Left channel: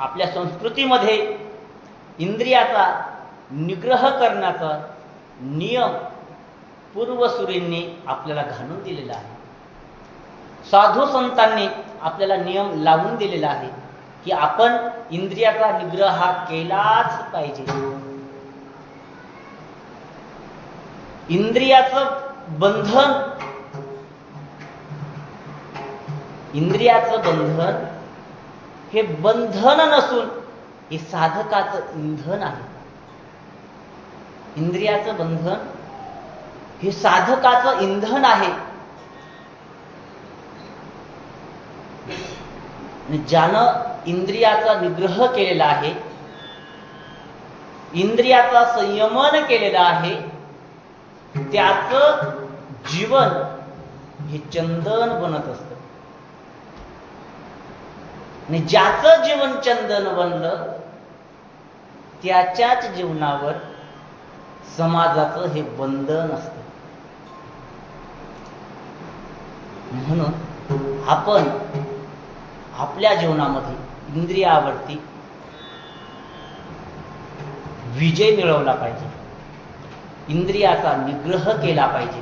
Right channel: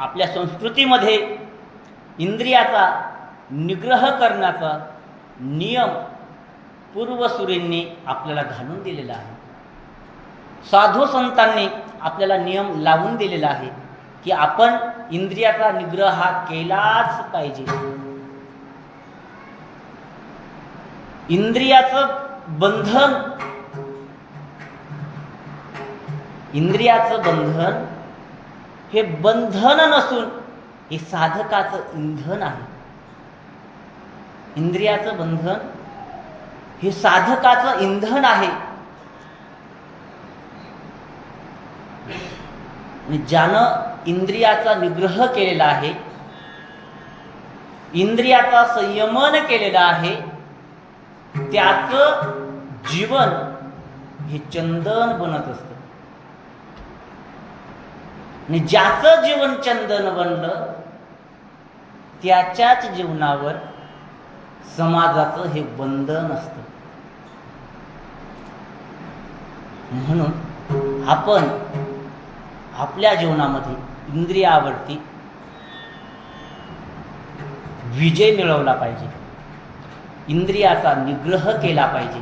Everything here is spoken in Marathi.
आपल्या संस्कृतीमध्ये इंद्रियाचा निग्रह करण्याचा नियम पूर्वसुरींनी आपल्याला घालून दिलेला आहे. साधू संतांनी आपल्याला नियम लावून दिलेला आहे की आपण इंद्रियाचा निग्रह हा केलाच पाहिजे. इंद्रियाचं बंधन हे बंधन नसून हे साधकाचं इंधन आहे. इंद्रियाचं बंधन हे साधकाचं इंधन आहे. ज्यानं इंद्रियाचा निग्रह केलेला आहे, इंद्रियाचा संयमन केलेला आहे, त्याचं जीवन हे चंदन बनत असतं. आणि ज्याचं जीवन चंदन बनलं त्याच्याच जीवनावर समाजाचं हे बंधन असतं. म्हणून आपण आपल्या जीवनामध्ये इंद्रियावरती विजय मिळवला पाहिजे, इंद्रियाचा निग्रह केला पाहिजे.